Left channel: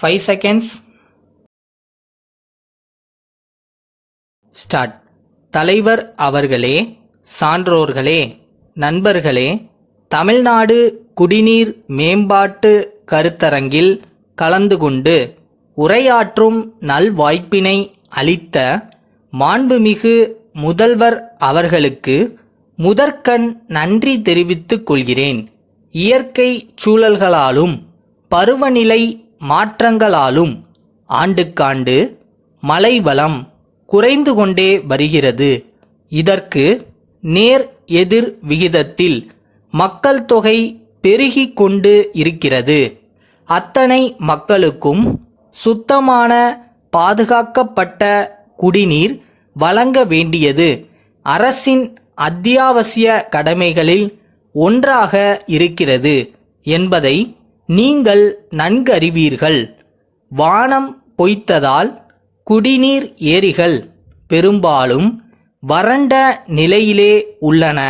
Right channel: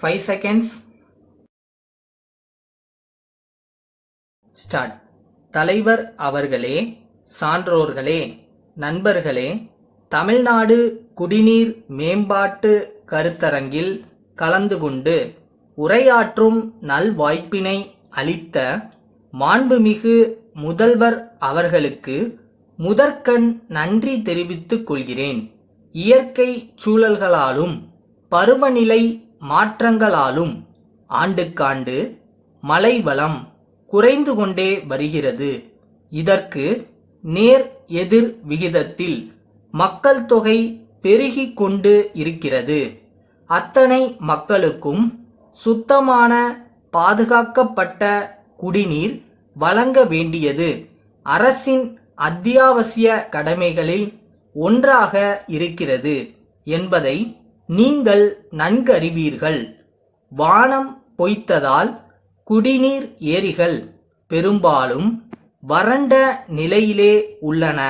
5 seconds. Start. தலைவர் அவர்களே, சான்றோர்களே, நண்பர்களே, தமிழ்நாடு குடிநீர் மேம்பாட்டு கருத்தரங்கில் கலந்து கொண்டு உரையாற்றும் நல்வாய்ப்பினை அளித்த மாண்புமிகு முதல்வர் அவர்களுக்கு முதற்கண் நன்றி தெரிவித்துக் கொள்கிறேன். இயற்கை சூழல்களாலும் பருவநிலை மாற்றங்களாலும் ஆண்டுக்காண்டு மழை வளம் குறைந்து கொண்டே வருகிறது. இதற்கு நேர் எதிர் விகிதத்தில் மக்கள் தொகை பெருகி கொண்டு இருக்கிறது. அத்தனை மக்களுக்கும் சுத்தமான பாதுகாக்கப்பட்ட குடிநீர் வழங்க வேண்டியது அரசின் அத்தியாவசிய கடமைகளில் ஒன்றாக இருக்கிறது என்பதை நீங்கள் நன்கறிவீர்கள். வானம் பொய்த்ததால் குடிநீர் ஏரிகள் பெரும்பாலும் வறண்ட நிலையிலே உள்ளன.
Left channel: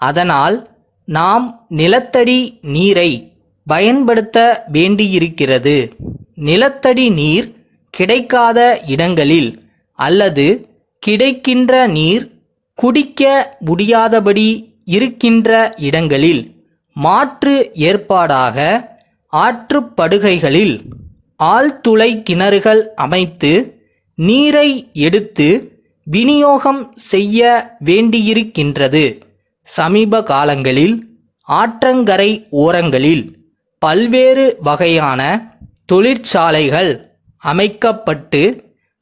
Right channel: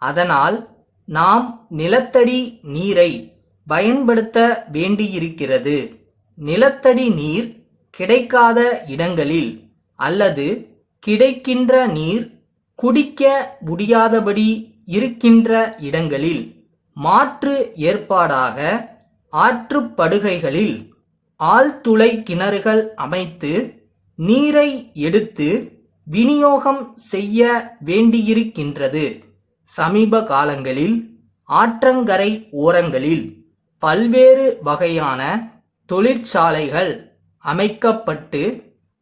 அதனால் நாம் நிலத்தடி நீரை பயன்படுத்த வேண்டியிருக்கிறது. நிலத்தடி நீர் கிடைக்காத இடங்களில் அல்லது கிடைக்கின்ற நீர் குடிக்க முடியாதபடி இருக்கின்ற இடங்களில் மாற்று ஏற்பாடாக ஆற்றுப்படுகைகளில் ஆழ்துளை கிணறுகள் அமைத்து நீரை எடுத்து விநியோகம் செய்ய வேண்டியிருக்கின்றது. சமீப காலங்களில் ஆற்றங்கரை ஓரங்களில் பல்வேறு வகையான தொழிற்சாலைகள் அமைக்கப்பட்டு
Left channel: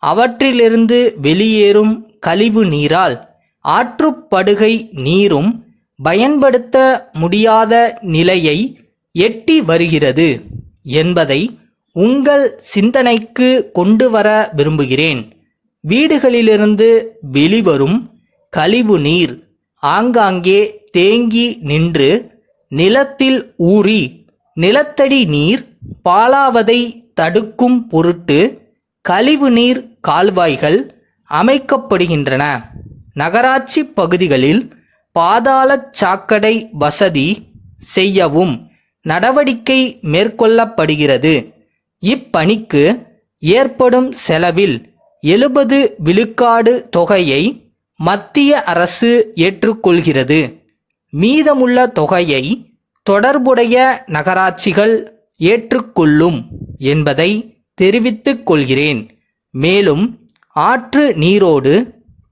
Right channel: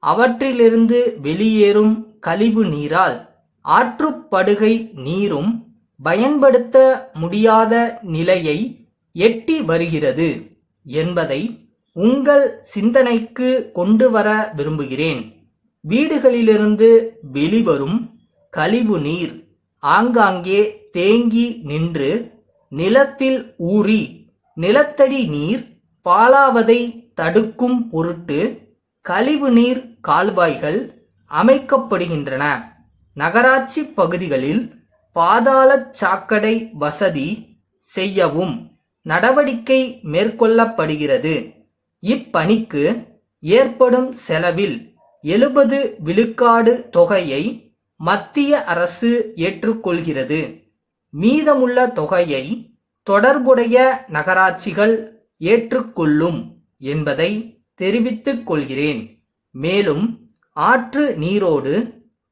அவற்றிலிருந்து வெளியேறும் கழிவு நீரால் ஆற்றுப்படுகை நீரும் பயன்படுத்த முடியாத நிலையை எட்டி வருகிறது என்பதை உங்கள் சிந்தனைக்கு கொண்டு வர விரும்புகிறேன். வீடுகளிலிருந்து வெளிவரும் கழிவு நீர் ஆங்காங்கே தேங்கி நின்று நிலத்தில் ஊறி நிலத்தடி நீர் பாழாவதை தடுக்கும் பொருட்டு கழிவு நீர் கால்வாய்கள் அமைக்கப்படுகின்றன. நகராட்சி பகுதிகளில் பாதாள சாக்கடை வசதி செய்யவும் நடவடிக்கை மேற்கொள்ளப்படுகிறது. இப்பணிக்கு ஏற்படும் செலவில் 70 விழுக்காடு தொகையை மத்திய அரசு ஏற்றுக்கொள்கிறது. மீதமுள்ள தொகையை தொடர்புடைய நகராட்சிகள் ஏற்றுக்கொள்ளும் என்பதை தெரிவித்துக் கொள்கிறேன். மேலும் ஆற்று நீரோடு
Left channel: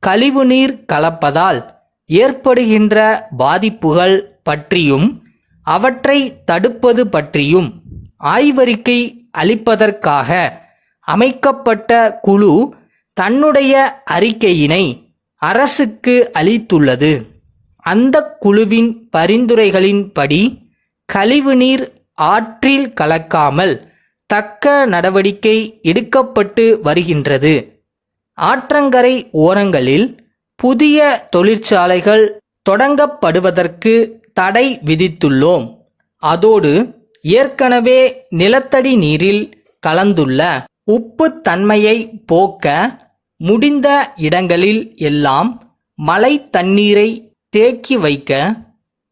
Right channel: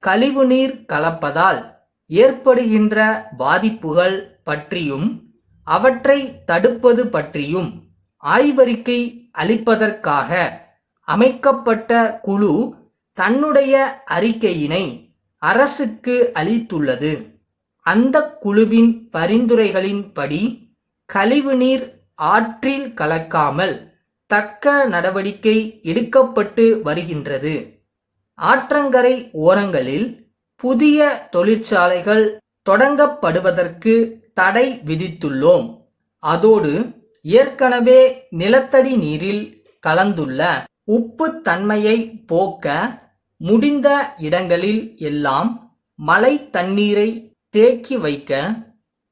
கழிவுநீர் கலப்பதால் ஏற்படுகின்ற பாதிப்புகள் பற்றியும் அவற்றை தடுப்பது பற்றியும் ஆய்வறிக்கை அளிப்பதற்காக அமைக்கப்பட்ட குழு தன்னுடைய அறிக்கையினை அரசுக்கு அளித்துள்ளது. அந்த குழுவின் பரிந்துரைகளின்படி கழிவுநீர் ஆற்றில் கலக்காமல் தக்க நடவடிக்கை எடுக்கப்பட்டு வருகின்றது. ஆற்றங்கரை ஓரங்களில் புதிய தொழிற்சாலைகள் தொடங்கப்படுவதற்கு தடை விதித்துள்ளோம். அதோடு ஏற்கனவே நிலத்தடி நீரில் கலந்துள்ள உப்பு தன்மையை போக்க முடிந்த இடங்களில் எல்லாம் மழை தண்ணீரை தேக்கி வைக்க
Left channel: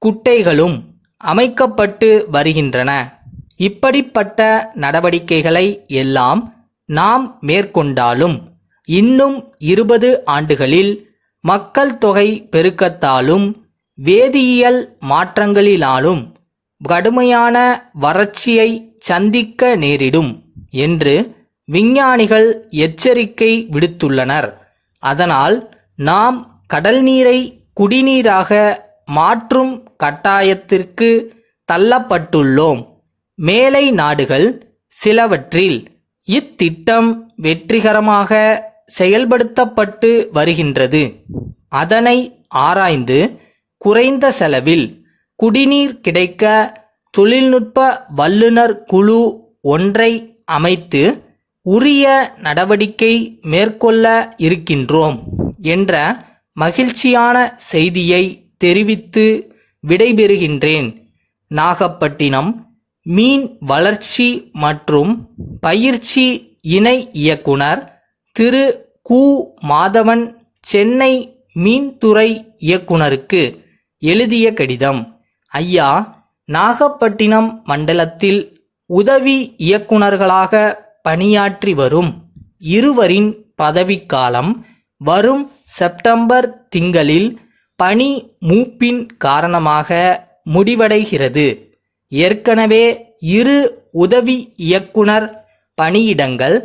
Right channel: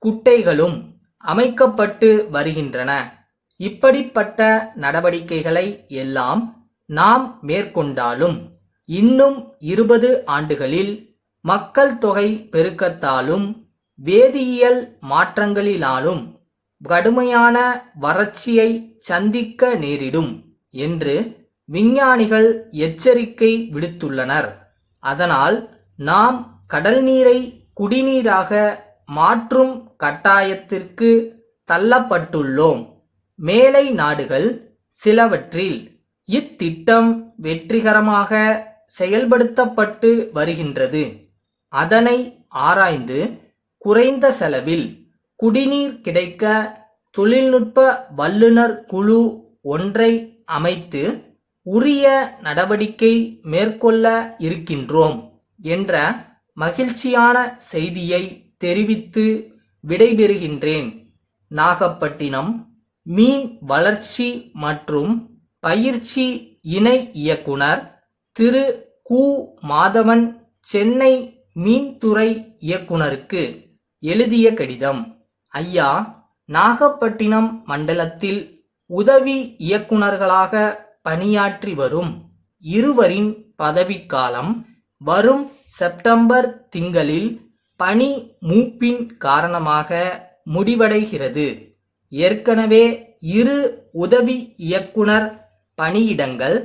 குட்டைகளும் அமைக்கப்பட்டு வருகின்றன. இப்படிப்பட்ட நடவடிக்கைகளை எல்லாம் நாம் மேற்கொண்டாலும் இன்னும் 20 ஆண்டுகளில் மக்கள் தொகை பெருக்கத்தாலும் வேதியியல் மாற்றங்களினாலும் கடுமையான வறட்சியை சந்திக்க நேரிடும் என்று விஞ்ஞானிகள் எச்சரிக்கை விடுத்துள்ளனர். அதனால் நாம் கடல் நீரை குடிநீராக மாற்றும் கட்டாயத்திற்கு தள்ளப்பட்டுள்ளோம். மேலை நாடுகள் சிலவற்றில் இத்திட்டம் வெற்றிகரமாக செயல்படுத்தப்பட்டு வருகின்றது. அதனை ஆராய்ந்து குறைந்த செலவில் குடிநீர் கிடைக்க தொழில்நுட்ப வல்லுநர் குழு ஒன்றை அமைத்து உரிய நடவடிக்கை மேற்கொள்ள இருக்கின்றோம் என்ற மகிழ்ச்சியான செய்தியை தெரிவித்து விடைபெறுகின்றேன். நாகப்பட்டினம் மீன் வளர்ச்சி மற்றும் பயிற்சி இணை இயக்குனர் திரு கு. மாதவன் சென்னை மீன்துறை இயக்குனருக்கு எழுதிய கடிதம். ஐயா, நாகப்பட்டினம் மண்டலத்தில் உதவி இயக்குனர்களாக பணியாற்றி வரும் இருவரின் பதவிக்காலம் வரும் செப்டம்பர் திங்களில் பணி மூப்பின் காரணமாக முடிவடைகிறது. ஏற்கனவே 2 உதவி இயக்குனர் பணியிடங்கள்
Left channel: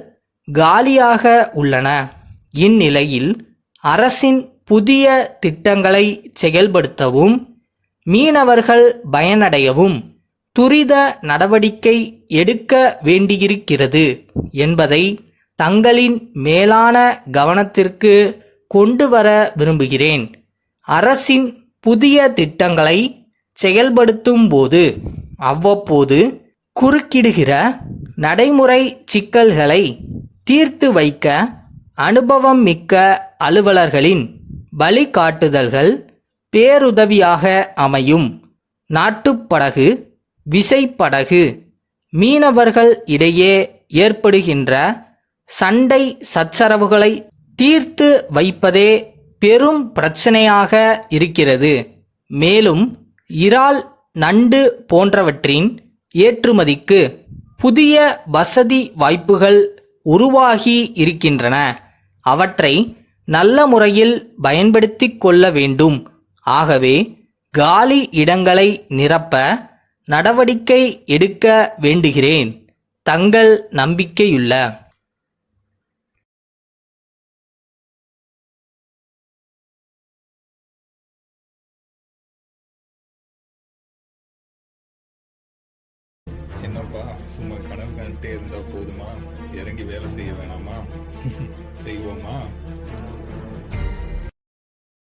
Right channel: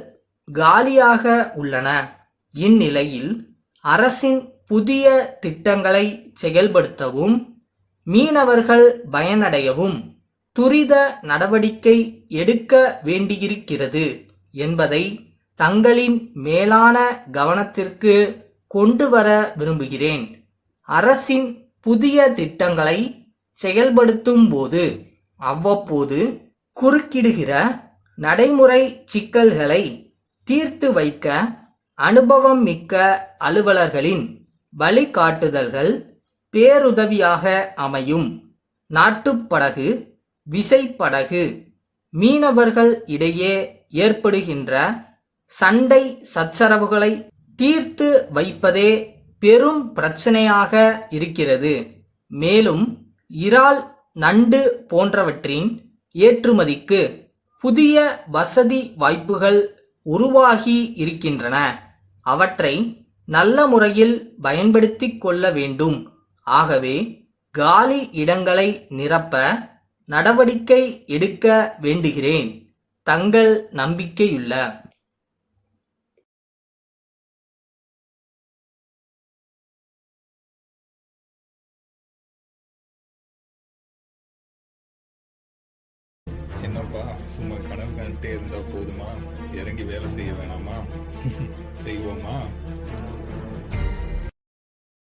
காலியாக உள்ளன. இந்நிலையில் அரசின் புதிய திட்டங்களை செயல்படுத்தவும் மீனவர்கள் பயனடையவும் துரித நடவடிக்கை எடுக்க வேண்டியிருக்கிறது என்பதை தங்களின் மேலான கவனத்திற்கு கொண்டு வர விரும்புகிறேன். அரசின் புதிய திட்டங்களை செயல்படுத்தும் போது அவ்வப்போது குறுக்கிடுகிற நடைமுறை சிக்கல்களை தீர்த்து வைக்க அனுபவம் மிக்க அலுவலர்களின் வழிகாட்டுதல்கள் பேருதவியாக அமையும். நாட்டுப்படகு, விசைப்படகு மீனவர்கள் இடையே ஏற்படுகின்ற சண்டை சச்சரவுகளை தீர்த்து வைப்பதே பெரும் பிரச்சனையாக இருக்கிறது. மேலும் இறால், நண்டு போன்றவற்றின் ஏற்றுமதிக்கு புதிய வசதி வாய்ப்புகள் உருவாகி இருக்கின்றன. அவற்றை நல்ல முறையில் பயன்படுத்திக் கொள்ள வேண்டும். ஆகவே காலி இடங்களை நிரப்ப நடவடிக்கை எடுக்க வேண்டுகிறேன். தங்கள் நம்பிக்கையுள்ள என்னப்பா சும்மா கனவு கண்டுட்டே இருந்தா போதுமா? இறங்கி வேலை செய்ய வேணாமா? செய்வோமா?